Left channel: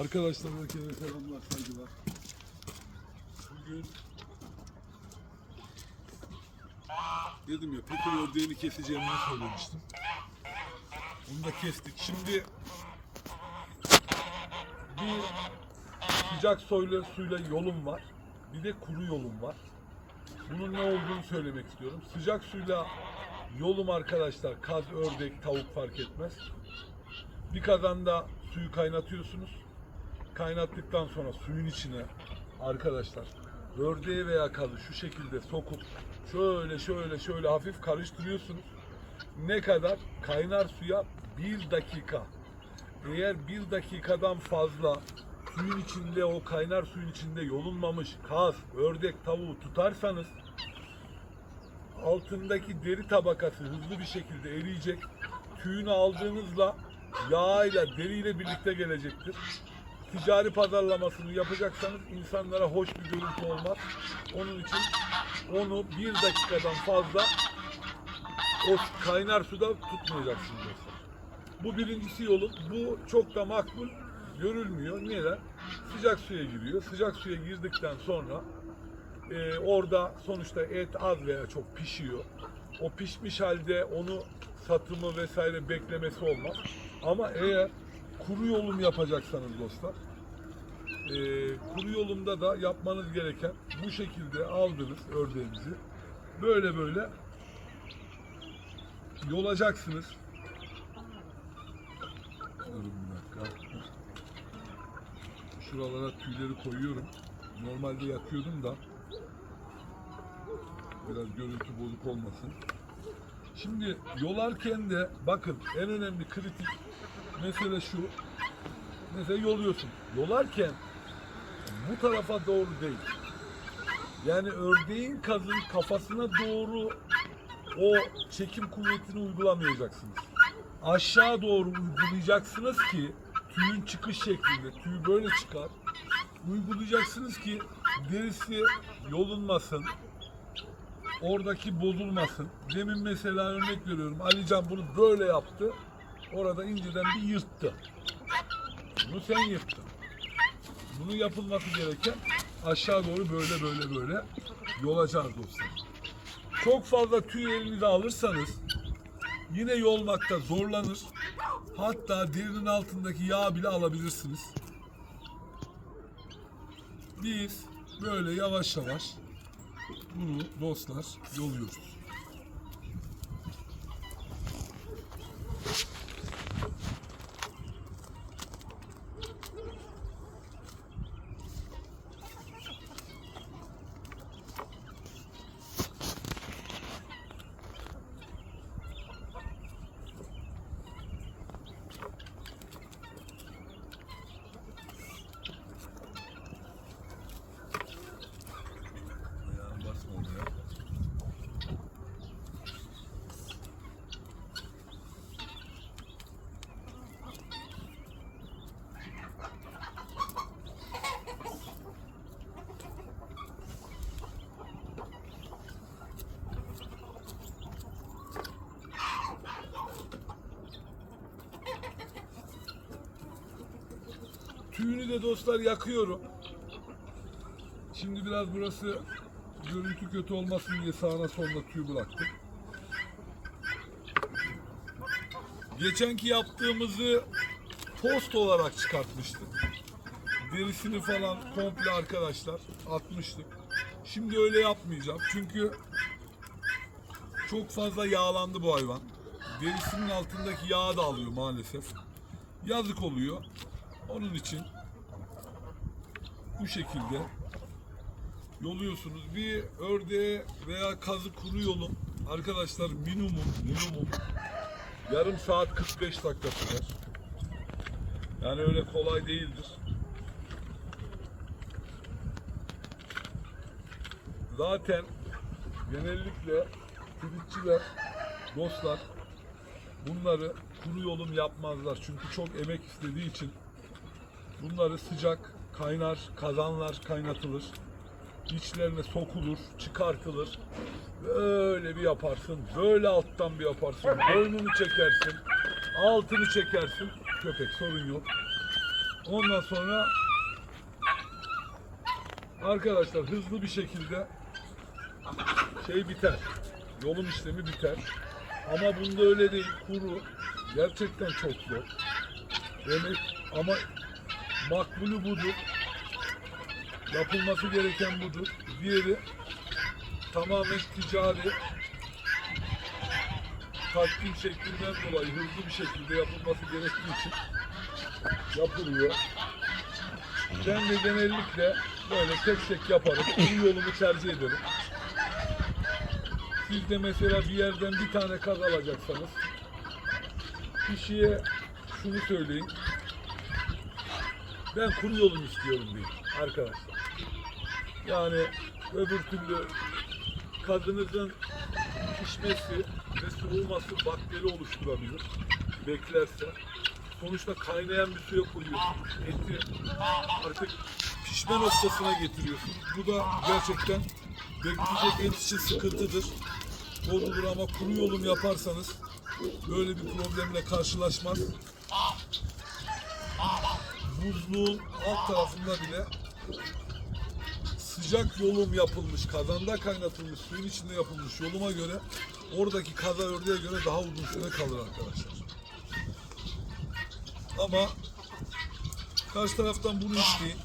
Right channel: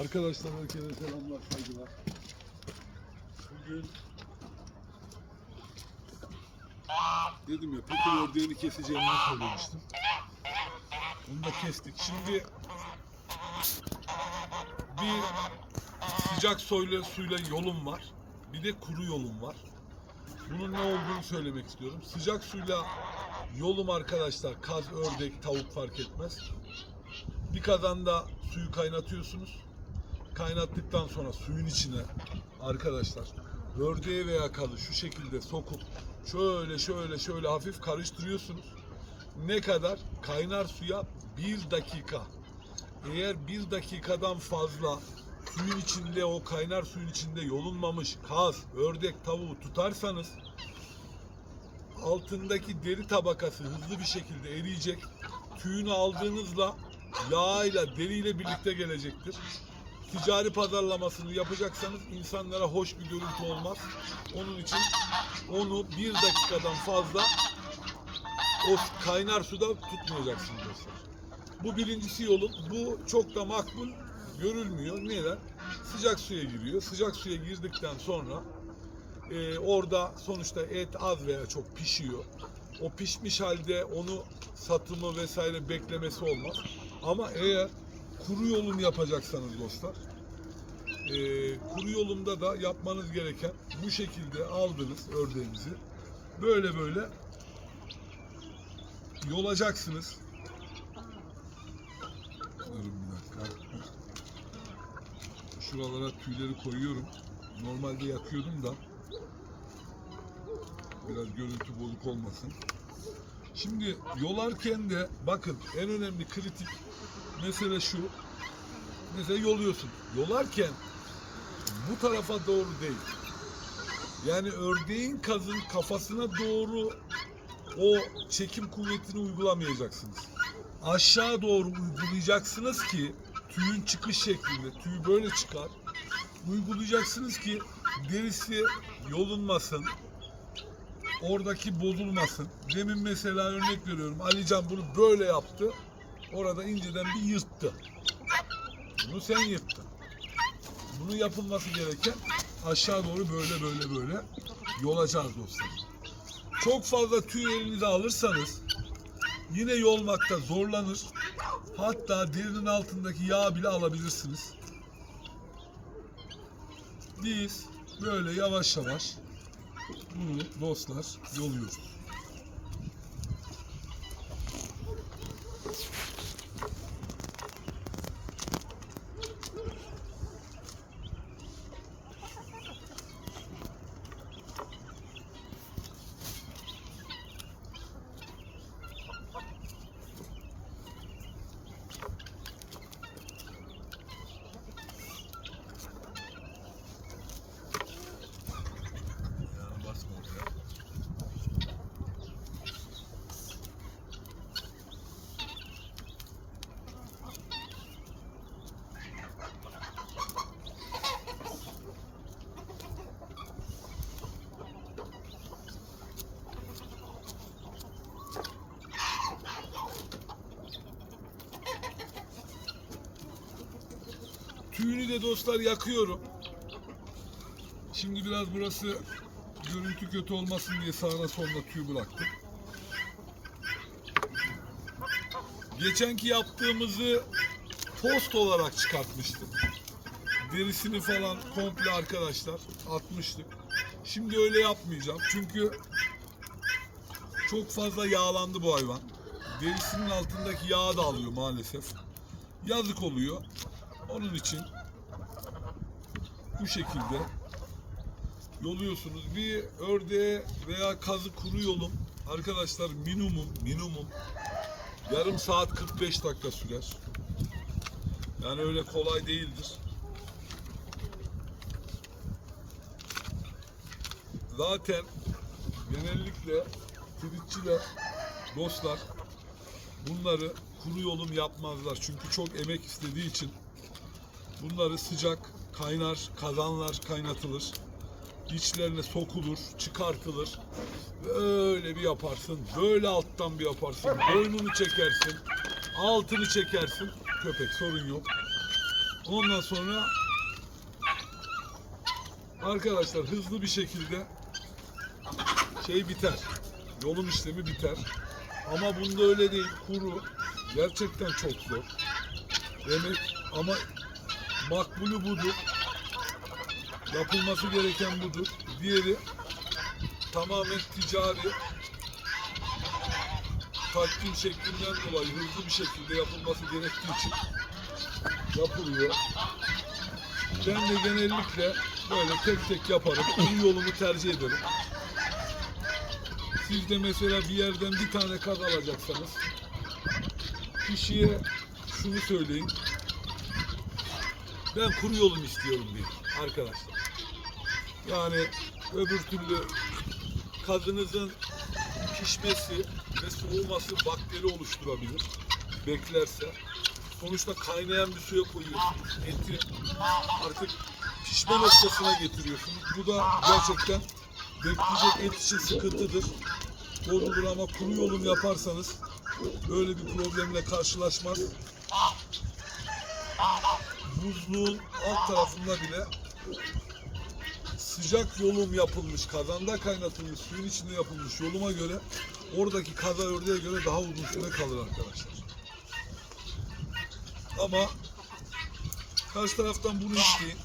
Arkadaşlar herkese selamlar, saygılar. Bugün dedim ya petrol ördeğini keseceğimi söylemiştim. Onu da kestik. Şimdi bir sıcak suyla, suyla yolum var. Bir de kuru yolum var. Bunun ne olduğunu söylemek istiyorum. Sıcak suyla yolum arkadaşlar kaz, ördek, tavuk fark etmez. Bir kazanda suyu kaynatıyorsunuz. Kaynattıktan sonra suyun içine arkadaşlar ördeği veya kazı şu şekilde sokup şöyle şöyle şöyle hafif karıştırıyorsunuz. Ne kadar? Kaynar suya bir dakika. Eğer bir dakikadan fazla suyun içinde o kaynar suyun içinde yolunmamış kaz, ördek, tavuğu tutarsanız altındaki deri tabakası hızlı bir şekilde eriyecek. Tüyünü aldığınızla yağıyla, deriyle birlikte gelecektir. Ticari pazarlamasını yapacaksanız insanlara hoş bir görüntü olmaz. Onun için onu bir dakikadan fazla o kaynar suda tutmayacaksınız dostlar. Bu birincisi yolum. Bu çok da makbul görülmüyor. Neden? Sıcak suya giriyor. Sıcak suya girdikten sonra e, orada sonuçta et az veya çok pişiyor. O pişmiş halde onu satımı vesaire beklemesi olmaz. Ama eğer kuru yolum yapacaksanız dostlar, e, kuru yolumda da yapmanız gereken bu şekilde aldınız ördeğinizi. Böyle böyle yolacaksınız. Durun bir dakika. Şuralara tüyleri koyuyorum. Normalde yakıyordum da biraz görüntü bozuk olmasın. Şimdi yolarken de bakın en önemli kritik mesele şu. Mesela yoluyorsun. Yolarken bu tarafa doğru değil. Yani ördeğin kazın kafasına doğru o çekim kuvvetini uygulamayacaksınız. Aşağı doğru uygulayacaksınız ki tüyün çıkış şeklinde, tüy böyle çıkar. Uygulayacaksınız ki derisi yolunmasın, oradaki bozulmasın. Demin mesela örnek veriyorum. Alican bunu böyle yaptı. Orada inceden bir yırttı. Bunu sen yırttın. Bunu yapılması gereken aşağı doğru böyle böyle böyle yolacağız dostlar. Çok fazla tüy elinize alırsanız yine yolmakta zorlanır. Hatta derinin altındaki yağ bile alabilirsiniz. Biz böyle yavaş yavaş bunu dostlar yoluyoruz. Tüyünü de dostlar yakıyorum. Şimdi biraz burası görüntü kötü olmasın diye sağına soluna tüy bıraktım. Geçenki yaptığımızı post olarak çıkartmıştık. Derisini falan komple arkadaşlar atmıştık. Şimdi öyle yapmayacağım. Çünkü çok fazla yağlandı bu hayvan. Derisinin altındaki yağı da alıyor maalesef. Yazık oluyor. Onun için bu şekilde yoluyorsunuz. Bir ördeğe veya kazı kuru yolun arkadaşlar minimum minimum yarım saat 45 dakika sürer. Yani öyle kolay değildir. Zaten genellikle tritçiler, dostlar bunları kuru yolum yapmazlar. Çünkü çok emek istediği için bunları sıcak, kaynar, kazanlar kaynatılır içlerine sokulur, çıkartılır. Böyle bir yaparsın, böyle alttan bir yaparsın, boynunu çekersin, altını çekersin. Köpek sorun yok. Ondan sonra arkadaşlar hızlı bir şekilde şey biter. Yolum işlemi biter. Ama bunda öyle değil. Kuru. Gerçekten çok zor. Demek ama makbulü budur. Yapılması gereken budur. Diğeri tamamen ticari takdim şeklinden dolayı hızlı bir şekilde yapılması gerektiği için yapılıyor. Ben de genellikle böyle tek tek yaparım. Bu yolumu tercih ederim. Siz de mesela bir yerden bir tane kaz alacaksanız kişiye şunu söyleyin. Ben kuru yolum istiyorum deyin arkadaşlar. Yani öbür türlü kazınızın pişmesi ve soğuması bakteri oluşturabilir. Beklerse. Sonuçta kaynayan bir suya koyuyorsunuz. Eti artık pişme noktasına getiriyorsunuz. Bu da gerçekten bekleyecek et için sıkıntıdır. Bozulur ama kuru yolum yaparsanız böyle bir problemle karşılaşmaz. Buzluğun alt tarafında bile sıcak yolum yapılmış, kazanda kaynatılmış, suyun içinde yapılmış yoluma göre oradaki kaza ördeğe göre daha uzun süre kalır arkadaşlar. Ama karşı taraftan bunu isteyin.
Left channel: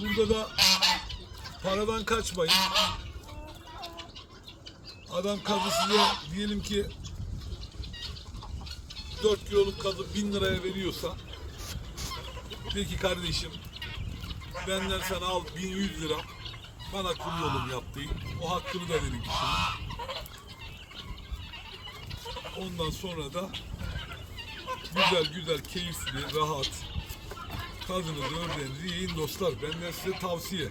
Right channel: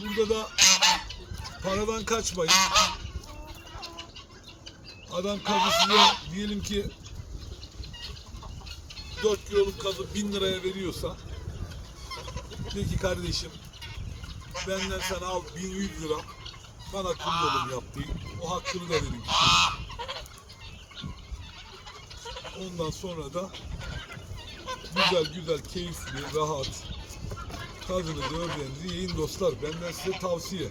Burada da paradan kaçmayın. Adam kazı size diyelim ki 4 kiloluk kazı 1000 liraya veriyorsa de ki kardeşim benden sana al 1100 lira bana kul yolum yap deyin. O hakkını da verin kişinin. Ondan sonra da güzel güzel keyifli rahat kazınızı ördeğinizi yiyin dostlar. Benden size tavsiye.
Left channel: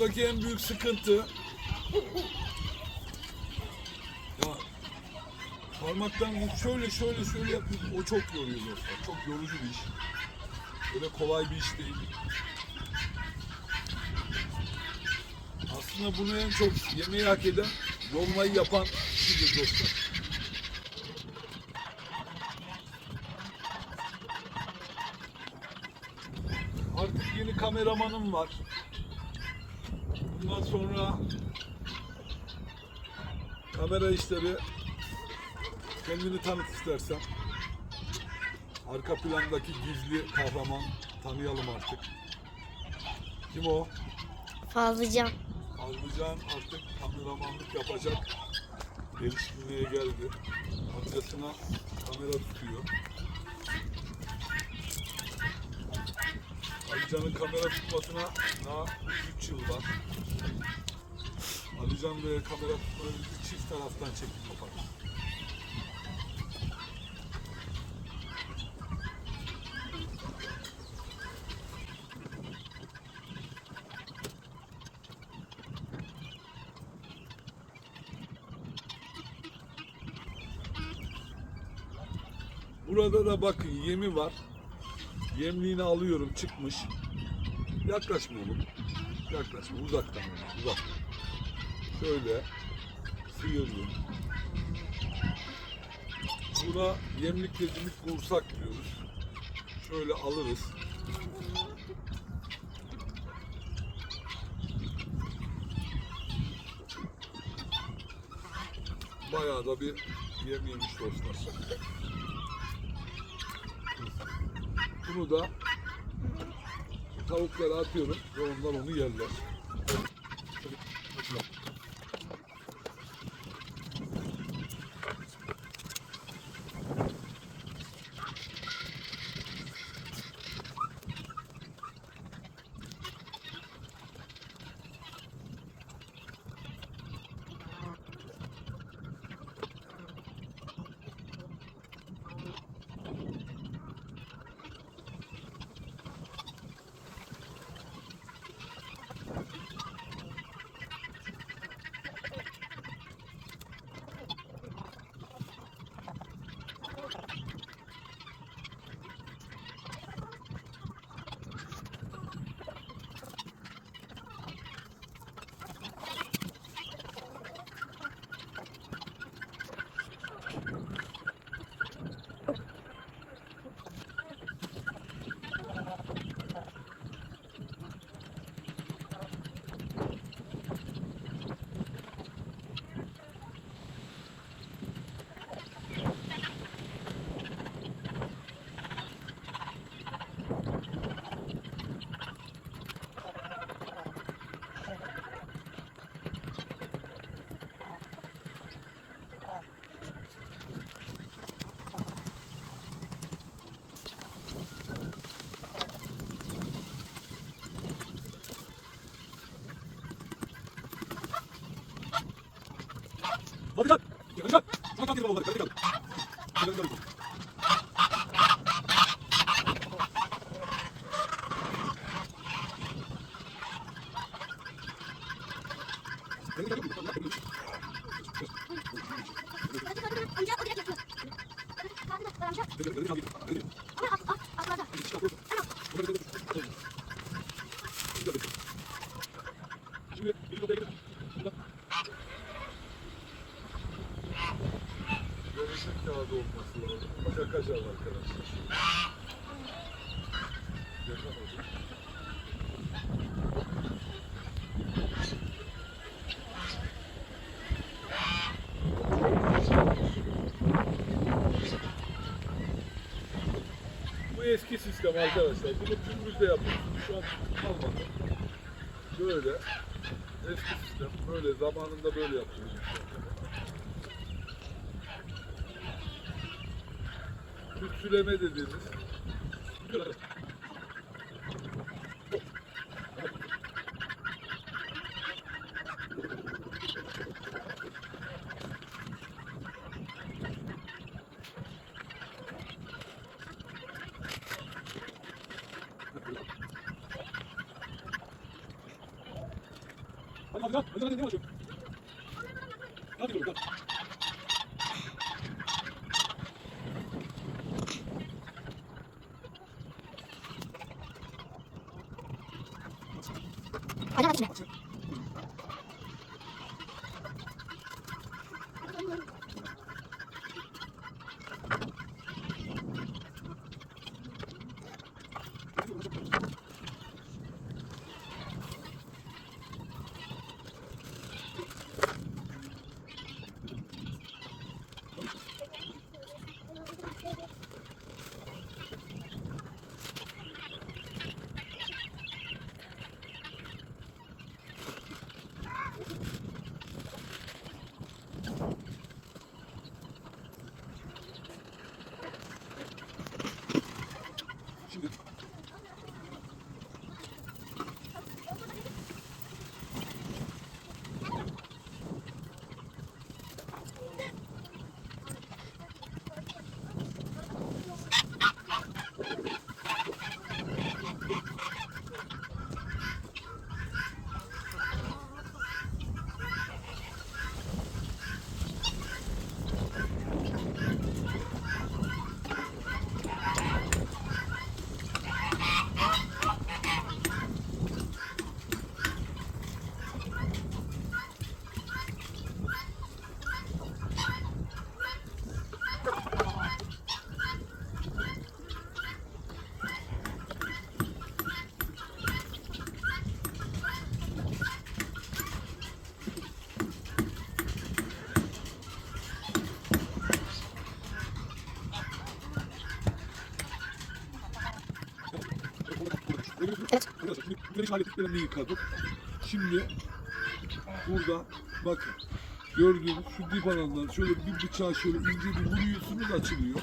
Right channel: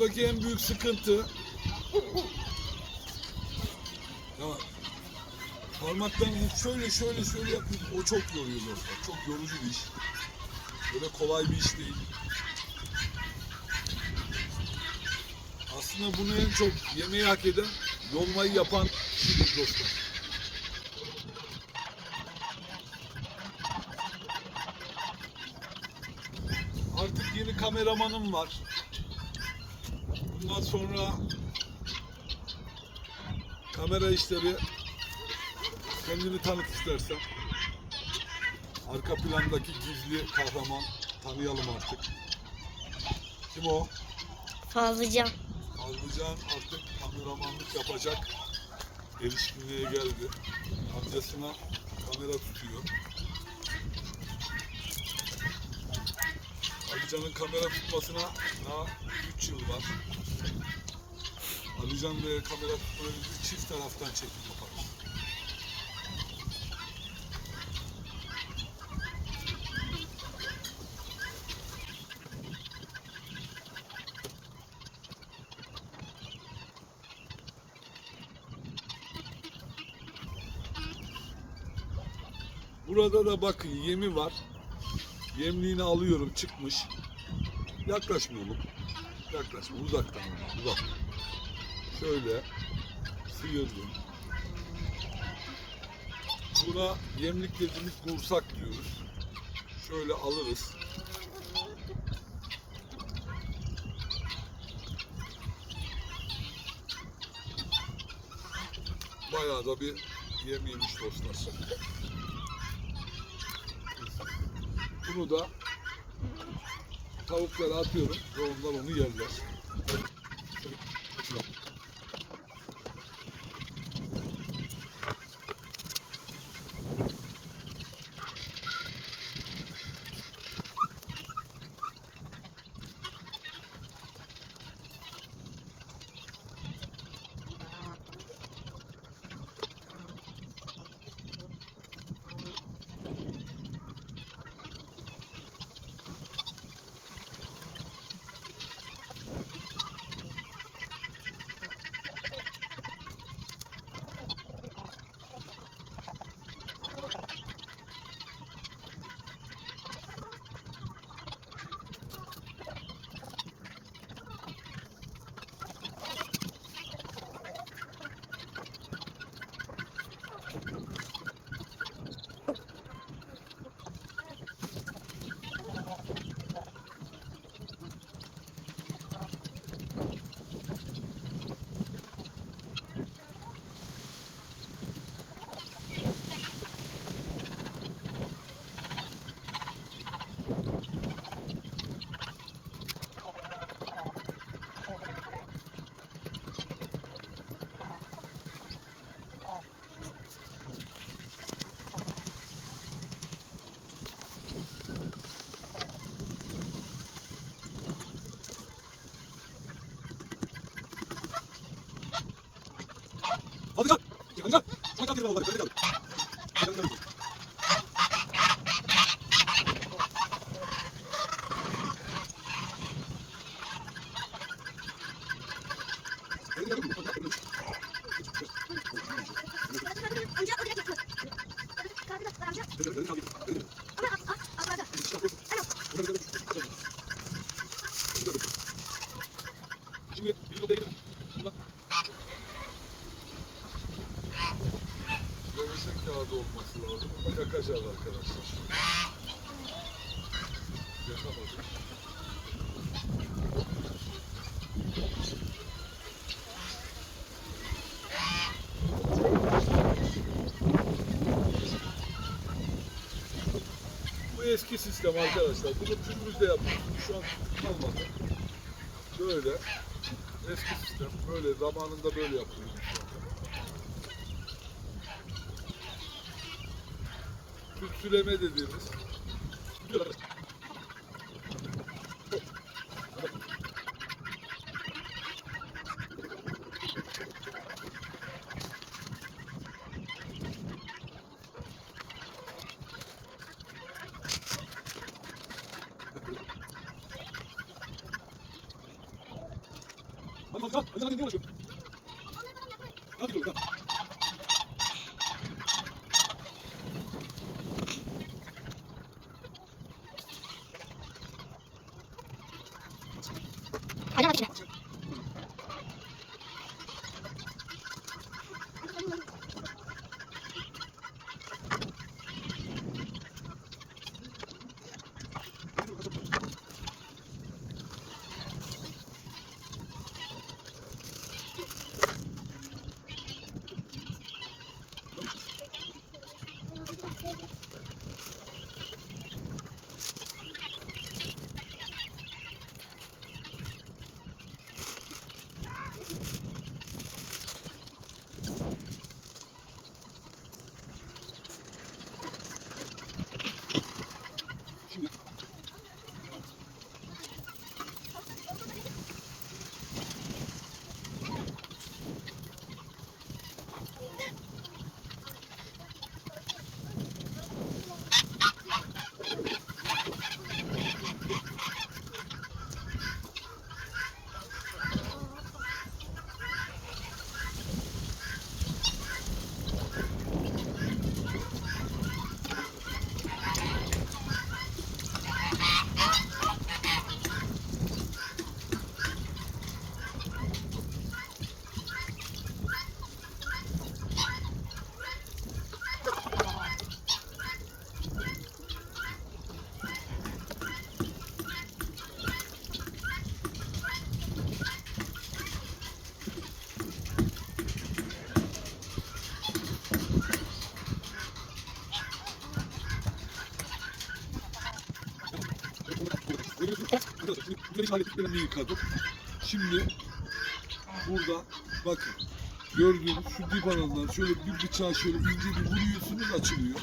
Bundaki en büyük sıkıntı ya parmaktan şöyle şöyle şöyle yapıyorsun. O çok yoruyor dostlar. Çok yorucu bir iş. Böyle kolay bir iş değil. Aslında bunu en çok yemeği hak eden yolmayı yapan kişidir dostlar. Artık yeni kameramanım var. Sonra kamera işleri kendini tanıt istersen. Arka plandaki gizli kahraman tanıyalım artık. Kim o? Fazlıcan. Aldıcan artık kameramanlık yapacak. Erişkinliğe geldi. Amcasına kamera tutuyor. Alican'ın kamera tutmasına daha 3 yıl var. Alican ve kamera tutmayı çift taraftan çekim yaparız. Burada da bakın yemi var. Yemliğini alıyorum çıkmış. Yaklaşma oğlum. Yaklaşma uzaktan uzak. Şöyle sıyırdım. Buna yemlik dediğimiz kursak diyoruz. Şöyle alırız. Bayağı da bir yem yemiş dostlar. Bunu da tavuklara atıyorum ve onlar onu yerler. かもわかる。Bu eski sistem arkadaşlar. Bunu tümrüzde yapıyorsunuz. Şu an kalmadı. Böyle. Eski sistem. Böyle zamanında böyle yapıyoruz. Tütsüleme dediğimiz. 走我上去那去溜过去然后第个 hallettiklerini yıkadım. Şimdi burada bakın gördüğünüz şu dip alanından şöyle bir bıçağı şöyle ince bir vuruyorsunuz açılıyor.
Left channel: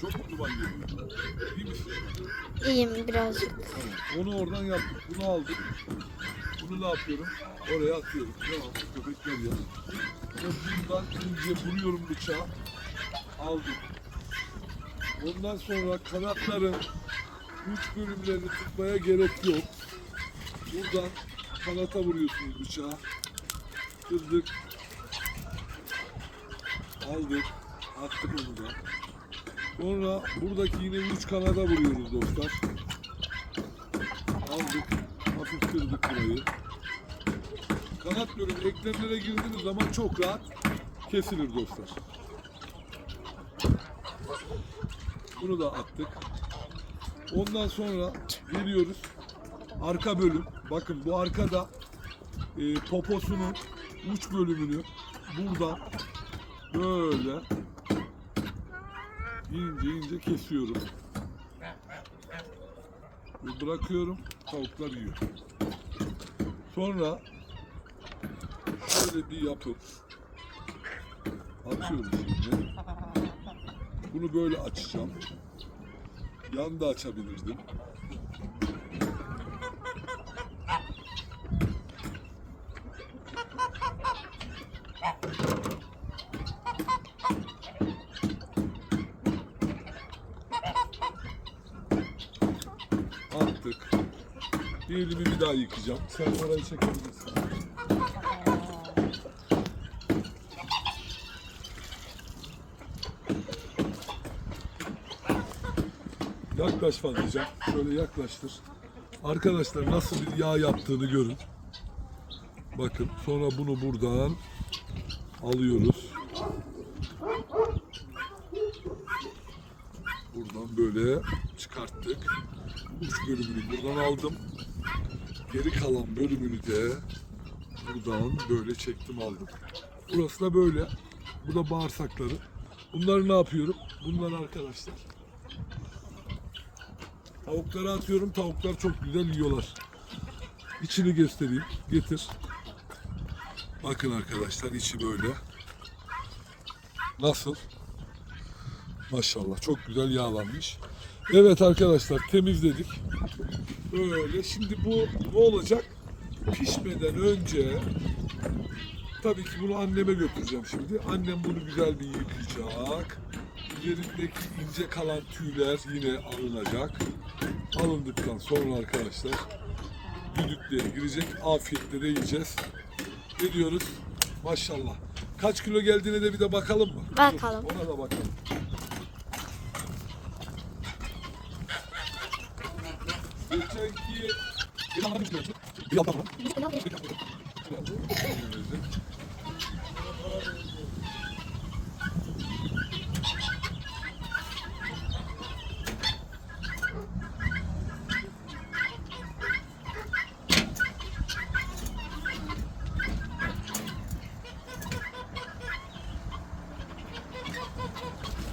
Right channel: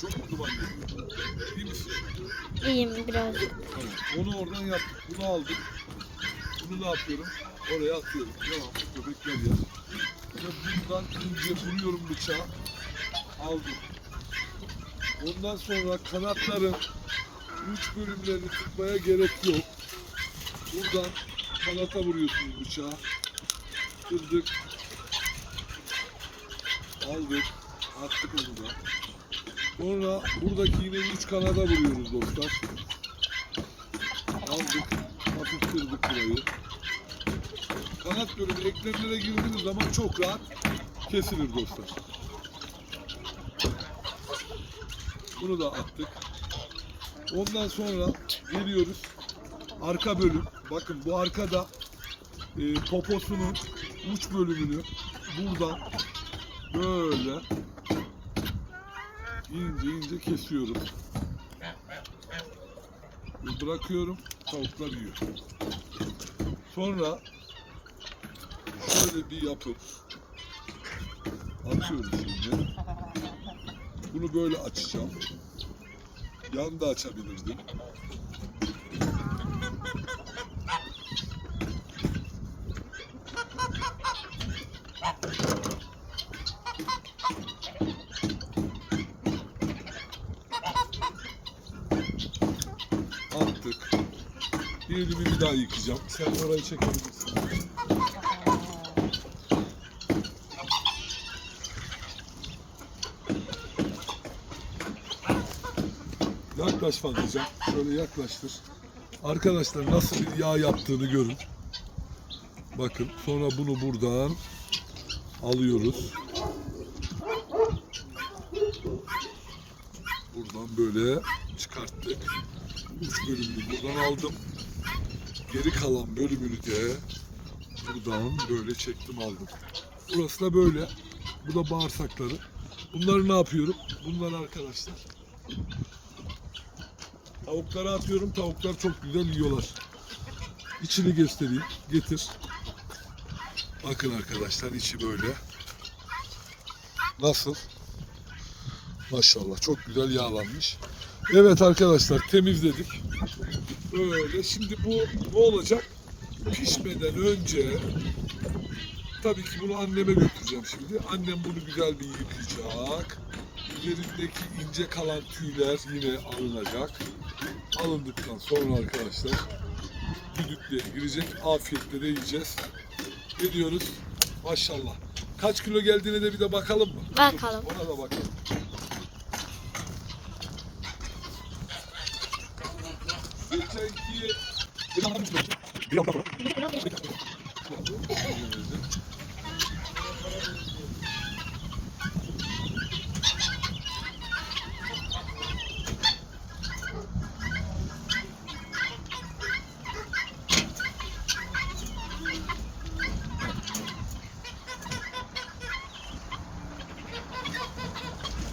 Çok mu duman geliyor? Misin? İyiyim birazcık. Tamam. Onu oradan yaptık. Bunu aldık. Bunu ne yapıyorum? Oraya atıyorum. Tamam. Köpekler yer. Ve buradan ince vuruyorum bıçağı. Aldım. Ondan sonra kanatların uç bölümlerini tutmaya gerek yok. Buradan kanata vuruyorsunuz bıçağı. Kırdık. Aldık. Attık onu da. Sonra buradaki yine uç kanada vuruyoruz dostlar. Aldık. Hafif kırdık burayı. Kanat bölümü eklemlere girdiğiniz zaman çok rahat kesilir dostlar. Bunu da attık. Ondan sonra geliyoruz. Arka bölüm. Bakın bu arkada e, poposunun uç bölümünü buradan böyle ince ince kesiyorum. Ve bırakıyorum. Tavuklar yiyor. Sonra şöyle bir yapıp atıyorum şimdi. Bunu böyle açacağım yan da açabilirdim. Attık. Bir elimi bir daha yıkayacağım. Sen orayı çekebilirsin. Yaklaş fazlaca. Şöyle yaklaştır. Arkadaşlar nasıl bir yağ yaptığını görün. Bakın sonra bunu buradan alıyoruz. Buradan böyle çıkarttık. Üç bölümünü buradan aldım. Geri kalan bölümünü de buradan böyle çektim aldım. Burası da böyle. Bu da bağırsakları. Bunları ne yapıyorum? Bunları arkadaşlar Tavuklara atıyorum. Tavuklar çok güzel yiyorlar. İçini göstereyim. Getir. Bakın arkadaşlar içi böyle. Nasıl? Maşallah çok güzel yağlanmış. Evet arkadaşlar temizledik. Böyle. Şimdi bu ne olacak? Pişmeden önce tabii ki bunu anneme götüreceğim şimdi. Annem bunu güzel bir yıkayacak. Üzerindeki ince kalan tüyler yine alınacak. Alındıktan sonra arkadaşlar düdüklüğe girecek. Afiyetle de yiyeceğiz. Ne diyoruz? Maşallah. Kaç kilo geldiğine de bir de bakalım mı? Bakalım. Dur, Ona da bakalım. Geçenki bir anda bir bir anda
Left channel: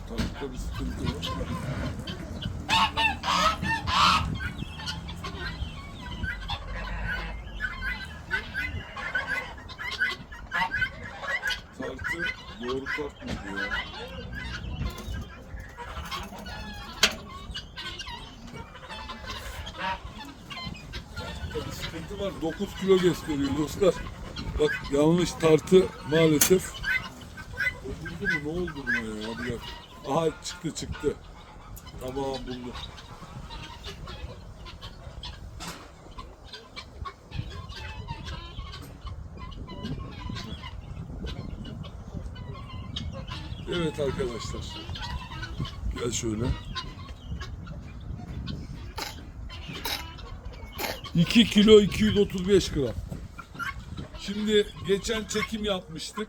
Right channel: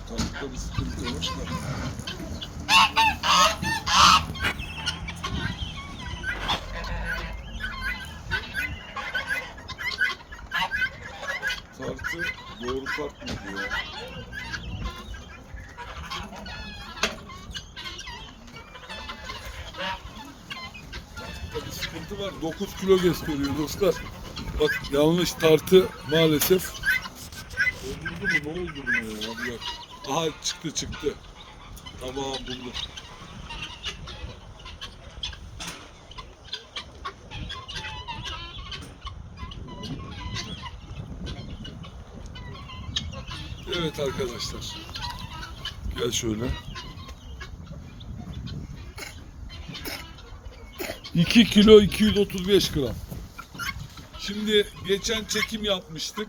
Tavukta bir sıkıntı var. Tartı doğru tartmadı ya. Tartıda bir sıkıntı var. 9 kilo gösteriyor dostlar. Bak yanlış tartı maalesef. Oldu mu? Ne oldu buna ya? Hadi bak. Aha çıktı çıktı. Tamam buldum. Evet arkadaşlar. Gel şöyle. 2 kilo 235 gram. Şimdi geçen çekim yapmıştık.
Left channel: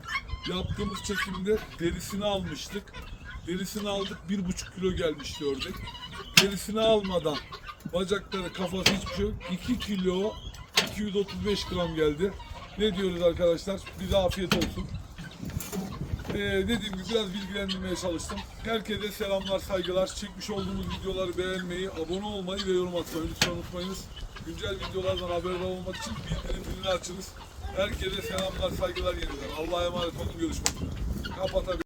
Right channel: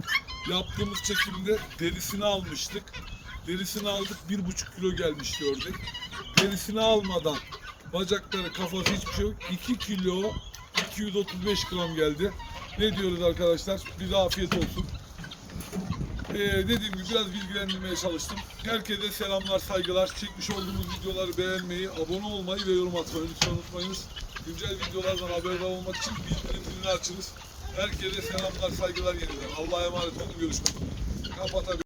Yaptığımız çekimde derisini almıştık. Derisini aldık bir buçuk kilo gelmişti ördek. Derisini almadan bacakları kafası hiçbir şey yok. 2 kilo 235 gram geldi. Ne diyoruz arkadaşlar? Bize afiyet olsun. Ee, dediğim gibi biraz bilgilendirmeye çalıştım. Herkese selamlar, saygılar. Çekmiş olduğumuz videoları beğenmeyi, abone olmayı ve yorum atmayı lütfen unutmayınız. Güncel videolardan haberdar olmak için bildirim zilini açınız. Herkese selamlar, saygılar yeniden. Allah'a emanet olun. Görüşmek üzere. Kapatabilirim.